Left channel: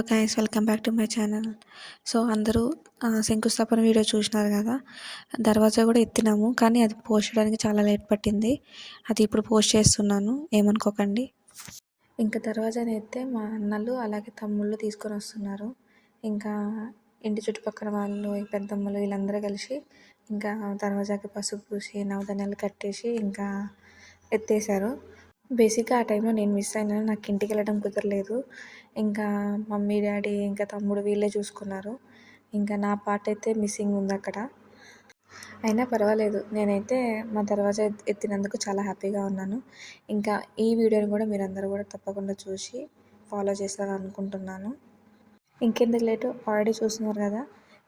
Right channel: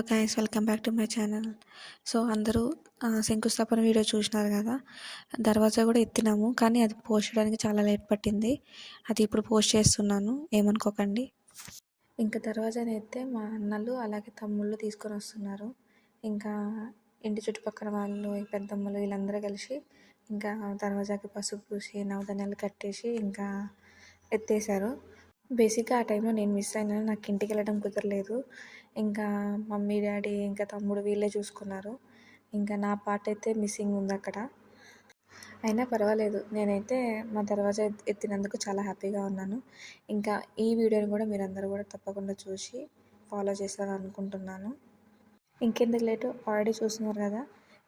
Hello guys, welcome back to my channel. So అందరూ శంకుస్థాపన video చూసినారు కదా. దర్వాజా కూడా ఎత్తినాము, కానీ అది పోస్ట్ చేయడానికి చాలా లేట్ పట్టింది. అది ఇప్పుడు పోస్ట్ చేస్తున్నాను, ఏమనుకోకండి. ఇంకా దర్వాజాని ఎత్తే మా అన్నలు అలాగే తమ్ముళ్ళు తీసుకొని వస్తున్నారు. ఇంకా ఇంటి చుట్టుపక్కల వాళ్ళు, పెద్దమ్మలు వీళ్ళందరూ కలిసి ఇంకా దర్వాజాకి పసుపు పూసి నవధాన్యాలు కట్టేసి ఇంకా ఎత్తేసారు. బేసిక్గా ఆ టైంలో నేను మిస్ అయినాను, నాకు ఇంటికి వెళ్ళడం కుదరలేదు. ఇంకా మమ్మీ, డాడీ, ఇంకా తమ్ముడు వీళ్ళే చూసుకున్నారు. ఇంకా నా పార్ట్ అయితే మిస్సింగ్ ఉంది అక్కడ. అయినా పర్వాలేదు, నేనైతే మా దర్వాజా ఎత్తినందుకు చాలా హ్యాపీగా ఉన్నాను. ఇంకా ఈ వీడియోని కూడా మీరందరూ కూడా తప్పకుండా చూసి ఫాలో చేస్తారని అనుకుంటున్నాను. ఇంకెందుకు లేటు, ఆల్రెడీ చూస్తున్నారు కదా.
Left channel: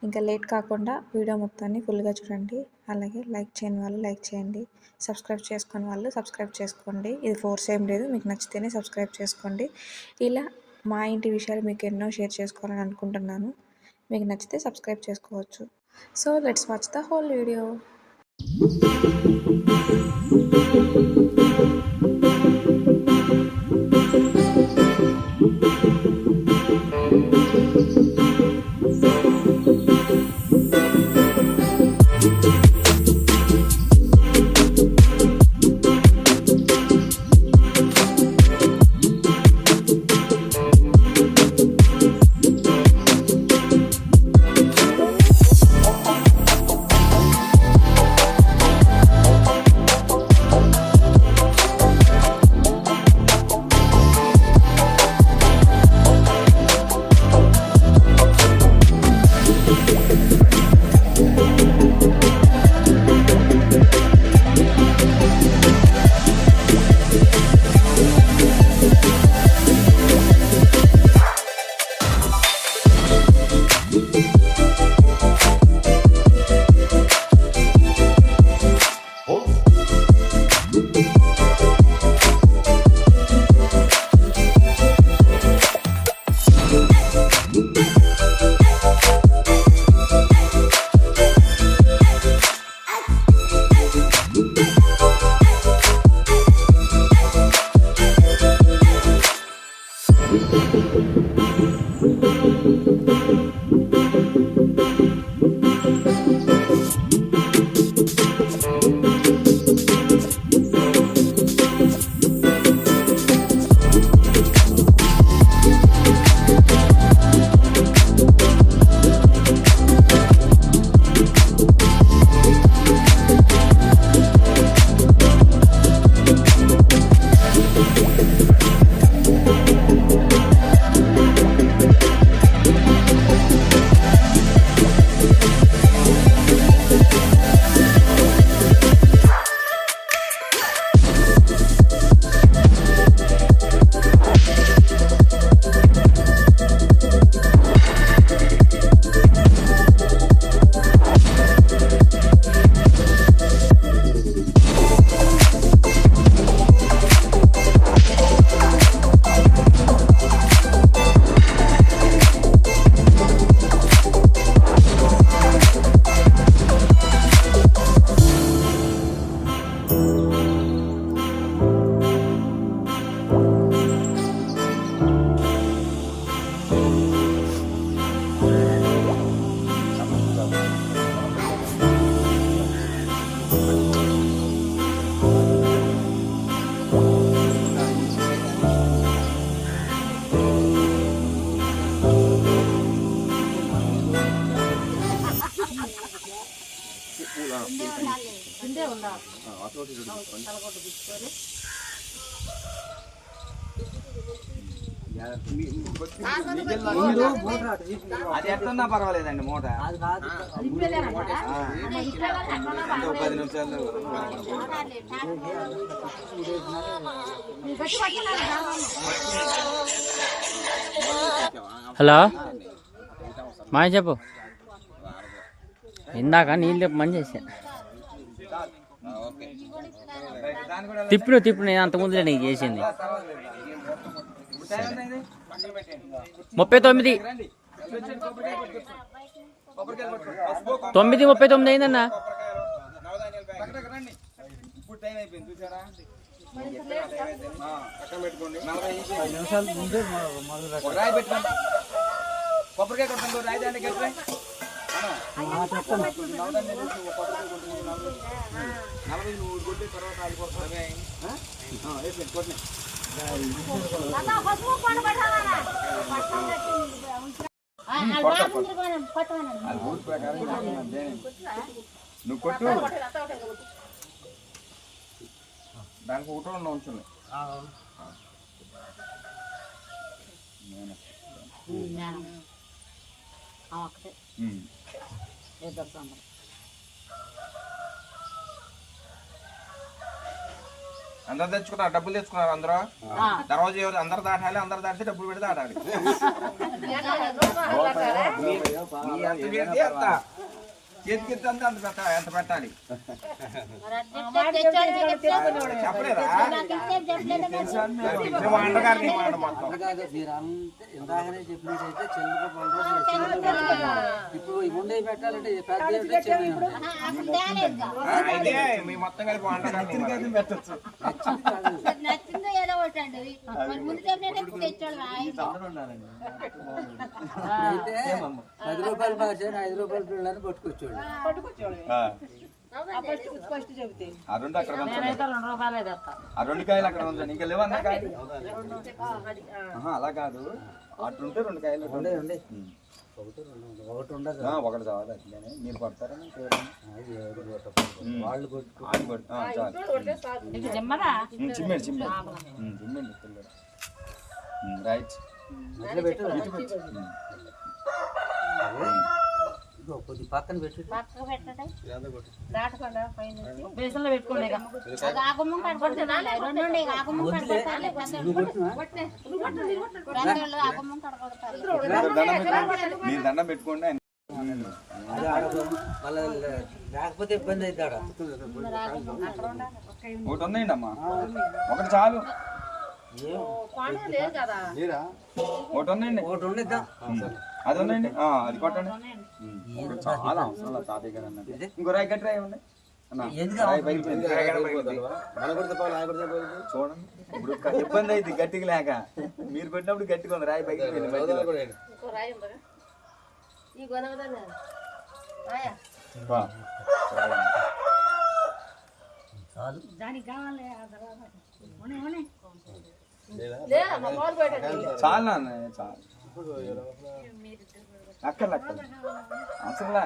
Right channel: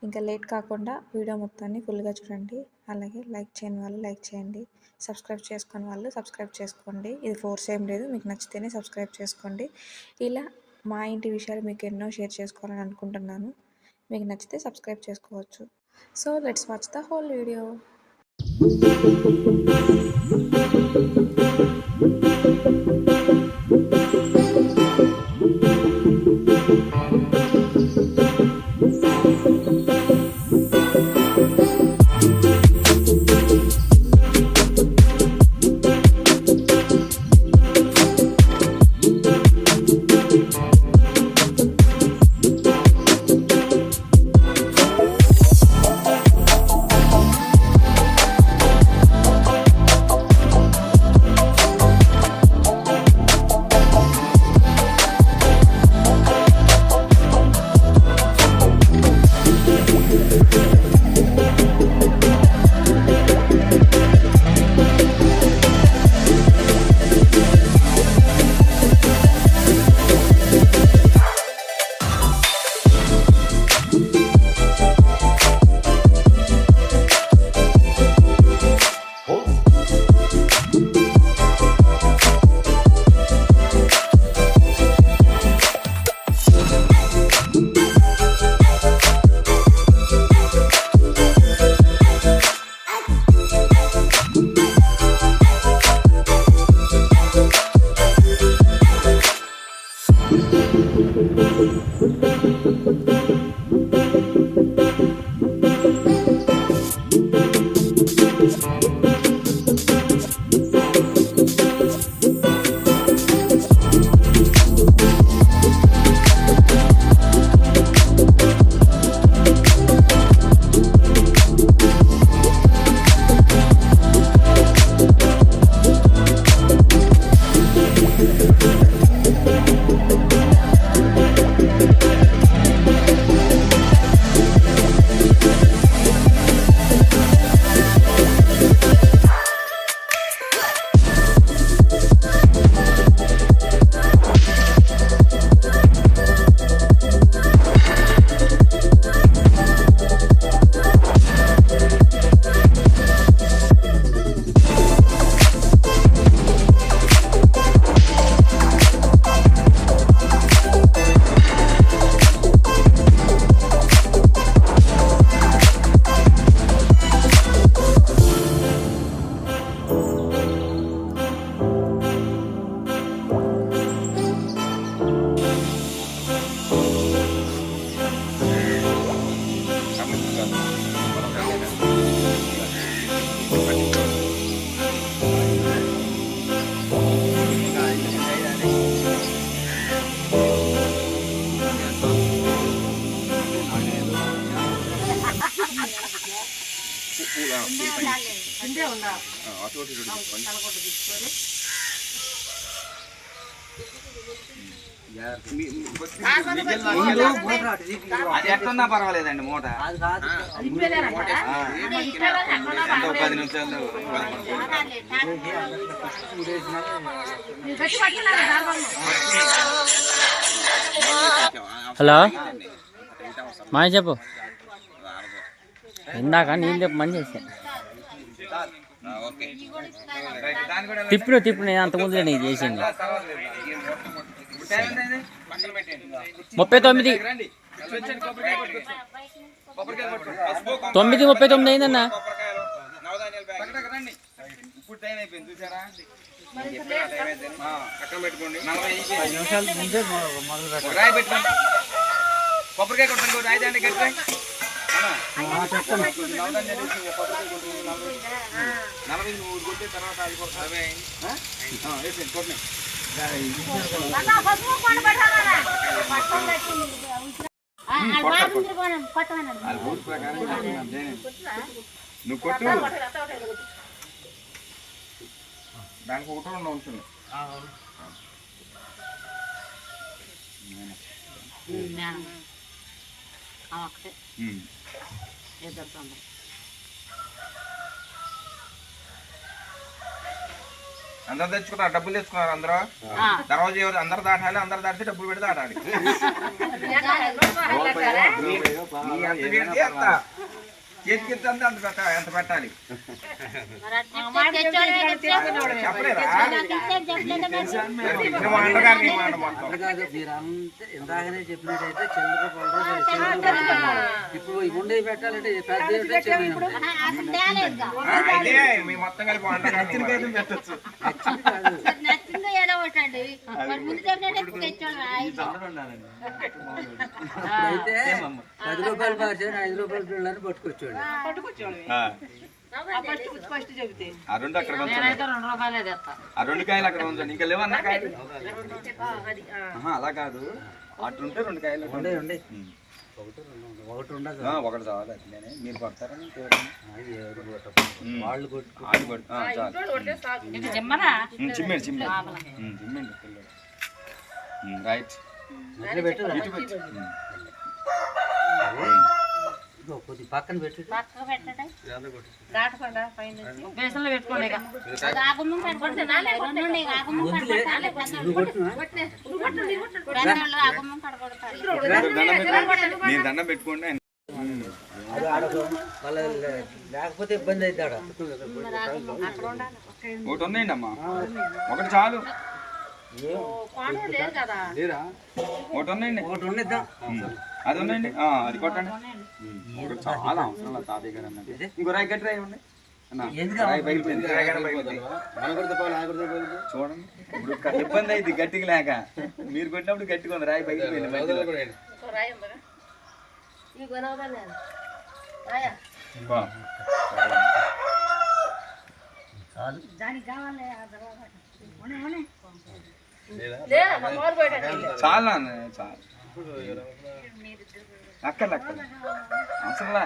ఇంకా లేట్ కాకుండా వీడియో మొత్తాన్ని ఫుల్గా చూడండి. అలాగే లైక్ చేయని వాళ్ళు లైక్ చేయండి, సబ్స్క్రైబ్ చేసుకుని వాళ్ళు సబ్స్క్రైబ్ చేసుకోండి. ఇది ఫోర్స్ ఏం లేదు, మీకు నచ్చితేనే సబ్స్క్రైబ్ చేసుకోండి. ఇలా మా ఇంటి విషయాలు మీకు ఎన్నో షేర్ చేసుకోవాలని అనుకుంటున్నాను. మీకు నచ్చితే సబ్స్క్రైబ్ చేసుకోవచ్చు. So let's watch the whole video. అది ఎట్టున్నా పర్వాలేదండి. మూట 10 నిమిషాలు. హలో మాయ చెప్పు. ఇందాక నీళ్ళు మంచి చేసా తిప్పుడు నేను అంత ముందులే నీకు చేసింది. 39 9:39 అయిందన్నా. పక్కన పెట్టుకోండి. 40 నిమిషాలు ముందే మొదలు పెట్టండి. కొబ్బరికాయ కొట్టండి రాయి దాంట్లో కట్టి నలభై నువ్వు కొట్టే తర్వాత అది కొట్టాలి కొట్టినాయి ఊరి ప్రకారం నువ్వు కొట్టు దానికి ఒకటో రెండు ఉంచండి అందరు తెచ్చుకున్నారు డబ్బులు తెచ్చుకున్నారు అందరూ తర్వాత ఎవరు అందరు దాటాలి అందరు దాటితే డబ్బులు పెట్టి దాటాలి చేతికి అంత ఎంత పెట్టాలి చెప్పలేదా అండగారు మాట మొత్తం ఇందాకనే చెప్పినట్టయితే చిల్లర ఇప్పుడు ఉండే పెట్టాలంటే అయితే మీ మొత్తం కలిపి అండగారు పెట్టచ్చు అయితే 10 రూపాయలు మార్చాను 5 రూపాయలు పిల్లలని పట్టుకొచ్చాడు ఆ రెండు అక్కడ ఆ రెండు కాయలు అక్కడ ఉంచండి ఇంకా లేవన్నా కాయలు అలా కాదు అట్లుంటే రెండు కాయలు ఒకటి ఉండదు ఒకటి చాలు అట్లనే మీరు కొడతారని వాళ్ళు చిమ్మండి చిమ్మండి పిల్లలు రైట్ కొద్ది పక్కన పెట్టి మీరు దండం పెట్టుకోండి లేకపోతే ఇబ్బంది అయితే ఒకటి ఉందండి అమ్మా ఒకటి చాలు ఒకటి ఉందండి ఒకటి ఉండిద్దాం అది ఉందండి అది కొట్టండి చాలా అవసరం లేదు తాతయ్య గారు అన్నది ఇంకో రాయి గట్టి రాయి ఇవ్వండి చూడండి ఇప్పుడు ఇబ్బంది అయింది గట్టిగా లేక మీరు కొట్టినప్పుడు గట్టిగా ఉంది రాయి పగిలిపోయింది చాలా చాలా అక్కర్లే అవసరంలా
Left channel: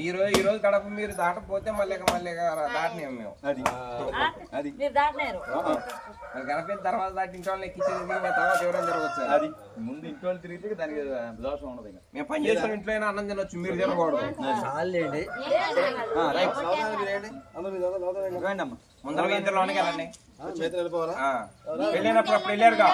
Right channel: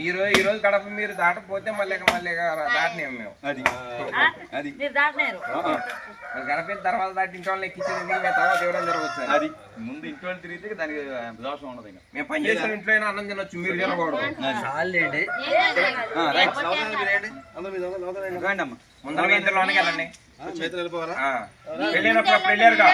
మీరు ఈ రోజు గడప మీరు దాటపోతే మళ్ళీ దాటినాం మేము అది అది గడప తర్వాత దాటి ఇంట్లో వాళ్ళు ఎక్కించేది మేము తర్వాత ఎవరైనా జరగవచ్చు అది ముందు ఇంట్లో వాళ్ళు తిరిగితే దానికి దోషం ఉండదు ఇంకా మేము పని చేసిన ఇంట్లో అయినా అన్నం తినొచ్చు మీరు తినకూడదు రండి అమ్మా ముందర మీ ఇద్దరు లోనికి వెళ్ళండి వెళ్ళినప్పుడు అప్పుడు వెళ్ళారుగా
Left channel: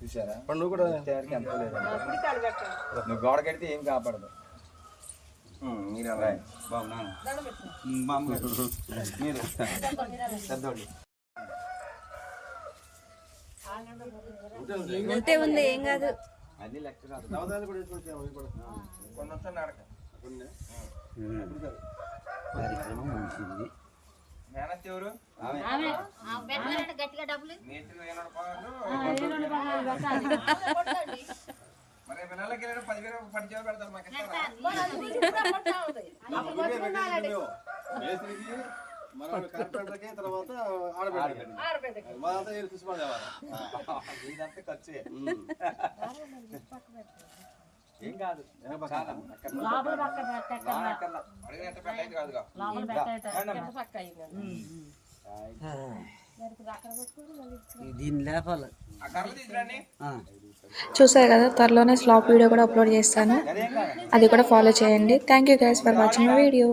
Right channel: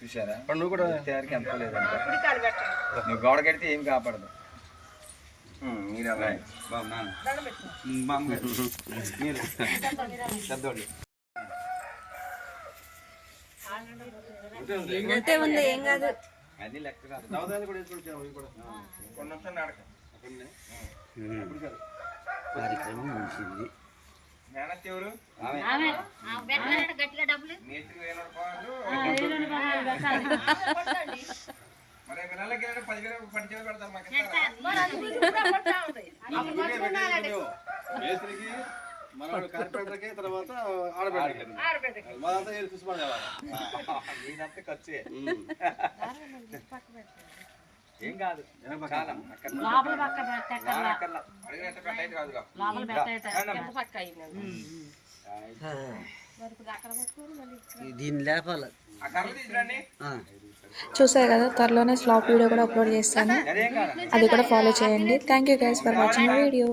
చూసారా నువ్వు కూడా ఎంత లేదు నువ్వు గోడ కడితే ఏం కాపాడదు మీరు మీరు పెద్దోళ్ళు అది లెక్క కాదు కొన్ని వచ్చాను నడక మేనత్ ఎవరు మరి పిల్లలకి 10,000 10,000 పెడతారు మాకు మనోడు కార్పెంటర్కి తర్వాత ఆడబెట్టాలి ఇదంతా ఖర్చే ఏం కాదు దీన్ని లేపాలి చూసారు కదా త్వరలోనే స్లాప్ వీడియో కూడా అప్లోడ్ చేస్తాను అది కూడా ఫాలో చేయండి thank you guys for watching video